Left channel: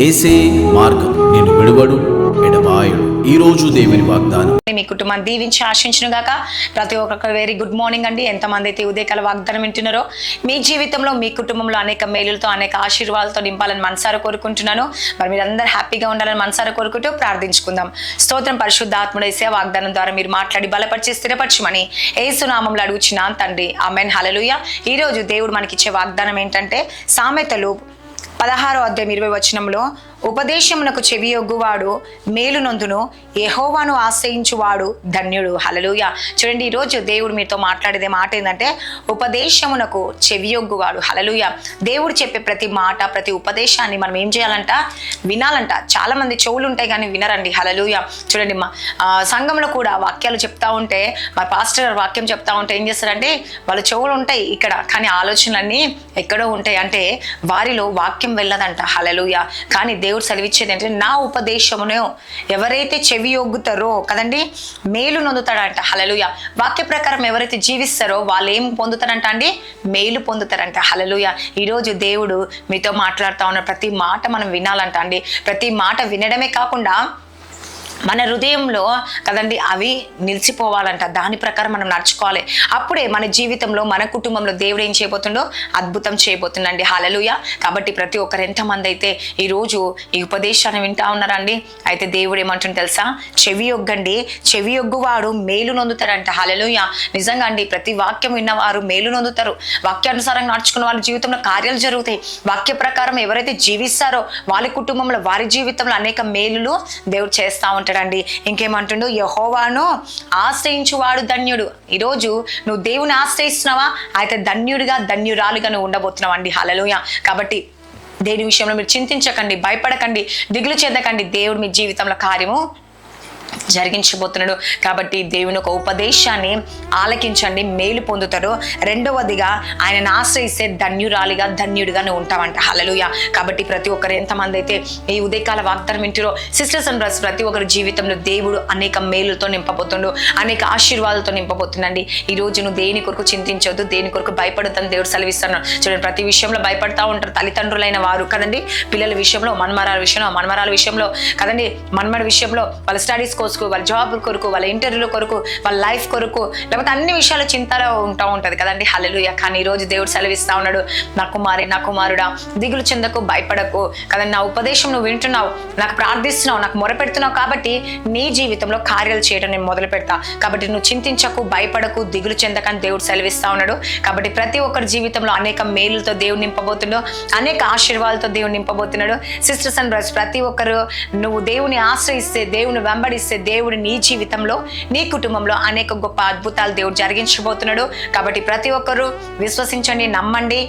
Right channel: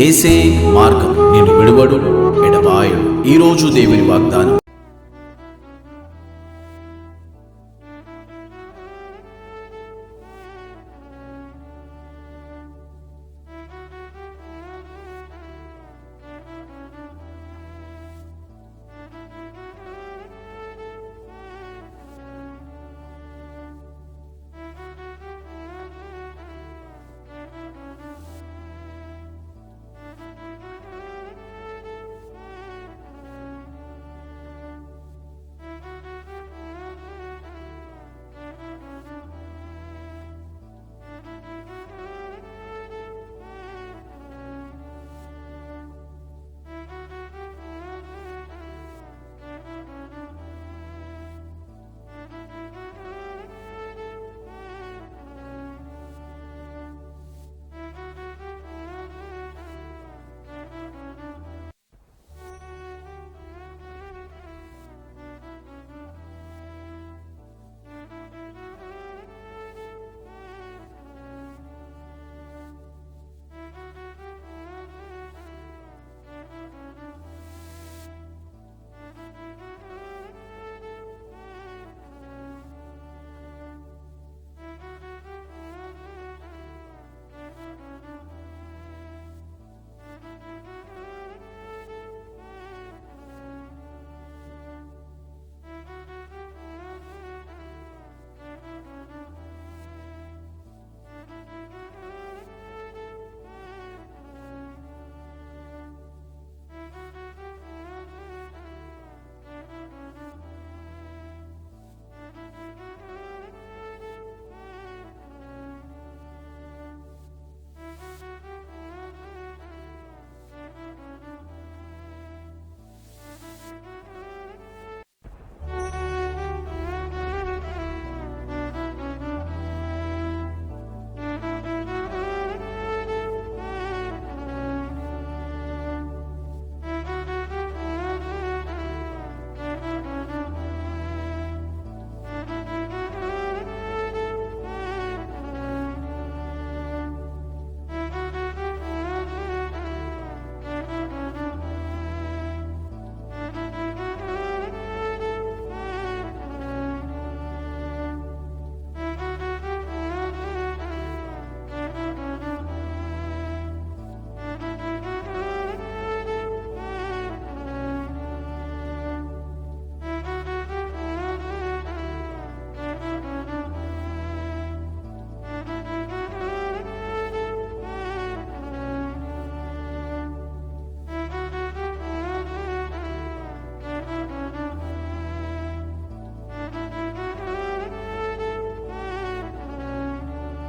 యేసే మార్గం, నిన్ను విడువడు ఎడబాయడు. ఈ రోజు దేవుని వాగ్దానం. మీ కుటుంబాన్ని దీవించి ఆశించును గాక. ప్రతి ఒక్కరికి వెరీ గుడ్ మార్నింగ్ అండి. ఎంతమంది అయితే ఉదయకాల వాగ్దానం వింటున్నారో మీ జీవితంలో మీ కుటుంబంలో అనేక మేలులతో అనేక ఆశీర్వాదాలతో నింపాలని మనసారా కోరుకుంటున్నాను. మరి మీరందరూ హ్యాపీగా ఉండాలని మనసారా కోరుకుంటూ ప్రార్థించుకుందాం. స్తోత్రం పరిశుద్ధాత్ముడు యేసయ్య వాగ్దానం ద్వారా మీరు మాట్లాడి బలపరిచి స్థిరపరచమని యేసు నామములో అడుగుచున్నాను తండ్రి. ఆమేన్. హల్లెలూయా. ఈ రోజు దేవుడు మనకిచ్చే వాగ్దానం ఏంటంటే సామెతలు 16:20 ఉపదేశమునకు చెవియొగ్గువాడు మేలు నొందును, యెహోవాను ఆశ్రయించువాడు ధన్యుడు. హల్లెలూయా. చూడండి, ఈరోజు దేవుడు మీతో మాట్లాడేదే మాట ఏంటంటే ఉపదేశమునకు చెవియొగ్గువాడు. హల్లెలూయా. దేవుడు చెప్పే ప్రతి మాట ప్రతి ఉపదేశాన్ని మనం ఏం చేయాలంట? వినాలంట. చాలా మంది చెవులు ఉంటాయి కానీ వినరండి. హల్లెలూయా. చూడండి, మా సంఘంలో కూడా వాక్యాలు చెప్తా ఉంటే మా పాస్టర్ గారు వాక్యం చెప్తా ఉంటే ఏం చేస్తారంటే వాళ్ళ చెవులు ఉంటాయి ఇక్కడ, కానీ ఆలోచనలన్నీ ఎక్కడో ఉంటాయి. అంటే వారిలో వాక్యం వెళ్ళదంట. హల్లెలూయా. కానీ దేవుడు సెలవిచ్చేది ఏంటంటే నా ఉపదేశమును ఎవరైతే చెవి ఒగ్గుతారో కదండి మేలు నొందుతాడంట. హల్లెలూయా. వాక్య ప్రకారం ఎవరైతే జీవిస్తారో వాళ్ళు ఏం పొందుతారంట అండి? మేలు పొందుతారంట. హల్లెలూయా. ఈరోజు దేవుడు మీతో మాట్లాడుతూ ఉన్న ప్రతి మాట మనం వినాలంట అండి. ప్రతి మాట వినడమే కాకుండా మన హృదయంలో కదండి అవి నిలిచిపోవాలంట. దాని ప్రకారం మనం నడుచుకోవాలి. అప్పుడే మన జీవితంలో మన కుటుంబంలో దేవుడు ఏం చేయబోతుండో అద్భుతం చేయబోతుందండి. హల్లెలూయా. కాబట్టి ప్రతి ఒక్కరు ఎంతమంది అయితే ఈరోజు ఈ ఉపదేశాన్ని వింటా ఉన్నారండి, అయితే దేవుడు ఏమంటుంది తెలుసా? చెవి ఒగ్గండి, చెవి ఒగ్గువాడు మేలు నొందుతాడంట. హల్లెలూయా. నిజంగా అండి, ప్రతి వాక్యం విన్నవారు మేలు నొందుతారు. వాక్యానుసారంగా నడుచుకున్న వాళ్ళ జీవితంలో కార్యాలు జరుగుతాయి. వాక్య ప్రకారం ఎవరైతే జీవిస్తారో వాళ్ళ కుటుంబంలో వారి జీవితంలో అనేక మేలులు దేవుడు చేస్తా ఉంటాడు. ఇంకేమంటుండో యెహోవాను ఆశ్రయించువాడు ధన్యుడు. ఈరోజు నువ్వు దేవుని ఆశ్రయిస్తున్నావా? అయితే ధన్యుడిగా ధన్యురాలుగా నువ్వు ఉండబోతున్నావు అండి. హల్లెలూయా. కాబట్టి దేని విషయంలో మీరు చింతించకండి, భయపడకండి, దిగులు చెందకండి. దేవుడు మీ జీవితంలో కార్యము జరిగించబోతున్నాడు. కాబట్టి దేవుని ఒక ఉపదేశాన్ని ఆలకించండి, మేలు పొందుతారు. రెండవదిగా ఆయనను ఆశ్రయిస్తే ధన్యురాలిగా ధన్యుడిగా నువ్వు ఉంటావంట. హల్లెలూయా. కాబట్టి ప్రతి ఒక్కరు ఎంతమంది అయితే ఈ ఉదయకాల వాగ్దానం వింటారో సిస్టర్స్ అండ్ బ్రదర్స్, ప్రతి ఒక్కరి జీవితంలో దేవుడు అనేక మేలుతో నింపబోతుండు, అనేక ఆశీర్వాదాలతో నింపబోతుందండి. ఈ రోజు నువ్వు దేని కొరకు చింతించొద్దు, దేని కొరకు భయపడొద్దని దేవుడు సెలవిస్తున్నాడు. చూడండి, ప్రతి విషయంలో భయపడతా ఉంటారు తల్లిదండ్రులైన వారు కదండి. పిల్లల విషయంలో, మన్మరాల విషయంలో కదండి, మన్మడి విషయంలో వాళ్ళ స్టడీస్ కోసం, వాళ్ళ జాబ్ కొరకు, వాళ్ళ ఇంటర్వ్యూల కొరకు, వాళ్ళ లైఫ్ కొరకు, లేకపోతే అన్ని విషయాలు చింతలో ఉంటది కదండి. హల్లెలూయా. కానీ ఈ రోజు దేవుడు సెలవిస్తా ఉన్నాడు, నా కుమారి నా కుమారుడా దిగులు చెందకు, భయపడకు కదండి. నా ఉపదేశం నువ్వు వింటున్నావు, నాకు ప్రార్థిస్తున్నావు, నాకు మొరపెడుతున్నావు, కాబట్టి నీ జీవితంలో కార్యాలు చేయడం నేను మొదలు పెడతా. కాబట్టి నువ్వు చింతించకు, భయపడకు, దిగులు చెందకని దేవుడు సెలవిస్తా ఉన్నాడు. కాబట్టి ప్రతి ఒక్కరి జీవితంలో అనేక మేలులతో దేవుడు నింపబోతున్నాడు, అనేక ఆశీర్వాదాలతో దేవుడు నింపబోతున్నాడు. సిస్టర్స్ అండ్ బ్రదర్స్, ప్రతి ఒక్కరు నువ్వు దేవుని ఆశ్రయిస్తే, దేవుని వెంబడిస్తే దేవుడు నీ జీవితంలో, నీ కుటుంబంలో అనేక గొప్ప అద్భుతాలు దేవుడు జరిగించబోతున్నాడు. కాబట్టి ప్రతి ఒక్కరూ విశ్వసించండి, నమ్మండి,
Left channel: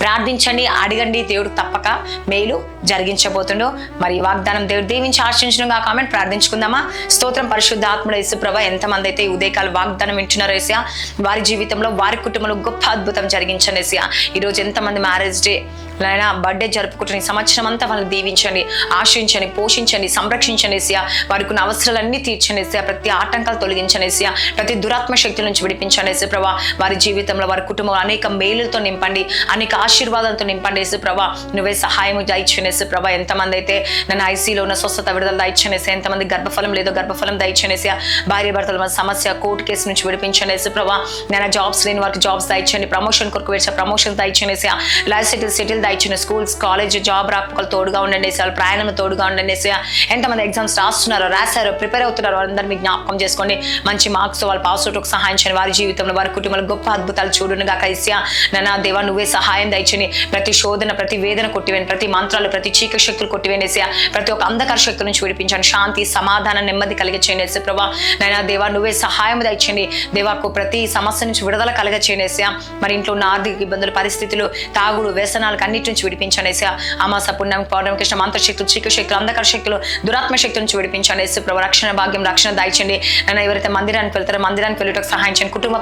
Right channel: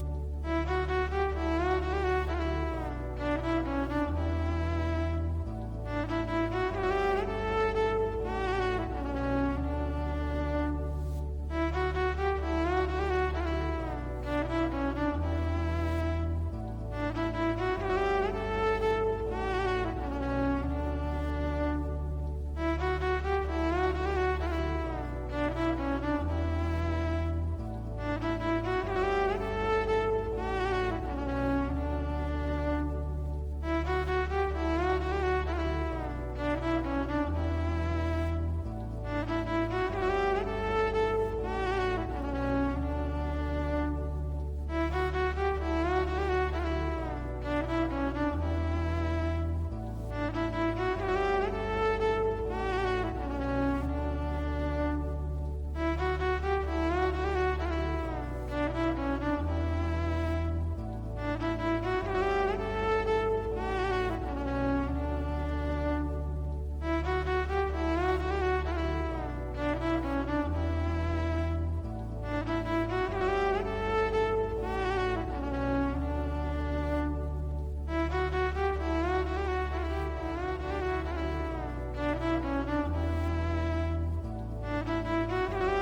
ప్రార్థించండి, అడగండి. దేవుడు తప్పక మేలు జరిగించబోతుండో. మరి వాగ్దానం దేవుడు దీవించి ఆశించనుగా. కామెంట్ ప్రార్థించుకుందామా? స్తోత్రం పరిశుద్ధాత్ముడు యేసుప్రభా, ఎంతమంది అయితే ఉదయకాల వాగ్దానం వింటున్నారో యేసయ్యా, వారి జీవితంలో వారి కుటుంబంలో గొప్ప అద్భుతం జరిగించండి యేసయ్యా. ఈరోజు ఎంతమంది మ్యారేజ్ డే నాయన బర్త్డే జరుపుకుంటున్న సంవత్సరం అంతా వాళ్ళని దీవించండి, ఆశ్రయించండి, పోషించండి, సంరక్షించండి యేసయ్యా. వారికి ఉన్న అవసరాలన్నీ తీర్చండి యేసయ్యా. ప్రతి ఆటంకాలు తొలగించండి యేసయ్యా. ప్రతి దురాత్మ శక్తుల నుంచి విడిపించండి యేసుప్రభా. వారి జీవితంలో వారి కుటుంబంలో అనేక మేలులతో నింపండి, అనేక ఆశీర్వాదాలతో నింపండి యేసుప్రభా. నువ్వే సహాయం దయచేయండి యేసుప్రభా. ఎంతమంది అయితే నన్ను ఐసీలో ఉన్న స్వస్థత విడుదల దయచేయండి యేసయ్యా. ఎంతమంది గర్భఫలం లేదో గర్భఫలం దయచేయండి యేసయ్యా. భార్య భర్తల సమస్య కోర్టు కేసు నుంచి విడిపించండి యేసుప్రభా. నేను జాబ్స్ లేని వారికి జాబ్స్ దయచేయండి, ప్రమోషన్ కొరకు వేసే ప్రమోషన్ దయచేయండి యేసయ్యా. లైఫ్ సెటిల్ దయచేయండి. స్కూల్స్ కాలేజ్ జాబ్ రాకపోకలు తోడుగా ఉండండి యేసయ్యా. ప్రయాణం తోడుగా ఉండండి యేసయ్యా. ఎంతమంది ఎగ్జామ్స్ రాశారో ప్రిపేర్ అవుతున్నారో వాళ్ళందరినీ జ్ఞాపకం చేసుకోండి. మంచి మార్క్స్ వాళ్ళు పాస్ అవుట్కు సహాయం చేయండి. వారి జీవితంలో వారి కుటుంబంలో గొప్ప అద్భుతాలు చూడును గాక యేసయ్యా. నా దేవా, నువ్వే సహాయం దయచేయండి. ప్రతి శోధన, ప్రతి వేదన కొట్టివేయండి, ప్రతి మంత్రాలు, ప్రతి చీకటి శక్తులు కొట్టివేయండి యేసయ్యా. ప్రతి ఒక్క అంధకార శక్తుల నుంచి విడిపించండి. శాంతి, సమాధానం, నెమ్మది కలిగచేయండి యేసుప్రభా. నైనా దేవా, నువ్వే సహాయం దయచేయండి. దేవాకు ప్రతి సమస్య నుంచి విడుదల కలిగచేయండి యేసయ్యా. మరి ఇంట్లో ఉన్న ఆర్థిక ఇబ్బందులు, పరిస్థితులు, తాగుడు, వ్యసనాలకు అన్నిటి నుంచి విడిపించండి యేసయ్యా. అమాస పుణ్యం పౌర్ణమి కృష్ణ మంత్రశక్తులు, చీకటి శక్తులు, అంధకార శక్తులు, దురాత్మ శక్తుల నుంచి విడిపించండి యేసుప్రభా. రక్షణ భాగ్యం, రక్షణ దయచేయండి. నన్ను ఎవరైతే మందిరానికి వెళ్తారో మందిరానికి వెళ్ళటకు సహాయం చేయండి. కుటుంబ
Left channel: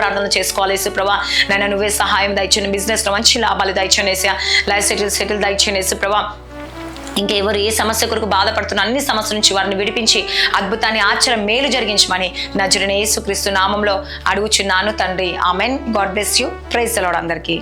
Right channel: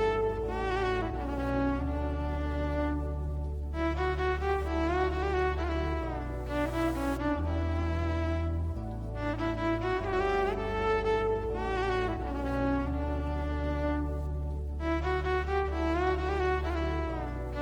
ప్రార్థనలు చేసుకోవాలి యేసుప్రభా. నన్ను నువ్వే సహాయం దయచేయండి. బిజినెస్ లో మంచి లాభాలు దయచేయండి యేసయ్యా. లైఫ్ సెటిల్ దయచేయండి యేసుప్రభా. ఇంకెవరు ఏ సమస్య కొరకు బాధపడుతున్న అన్ని సమస్యల నుంచి వారిని విడిపించి అద్భుతాన్ని ఆశ్చర్య మేలు జరిగించమని నజరేయుడైన యేసుక్రీస్తు నామంలో అడుగుచున్నాను తండ్రి. Amen. God bless you. Praise the Lord అందరికీ.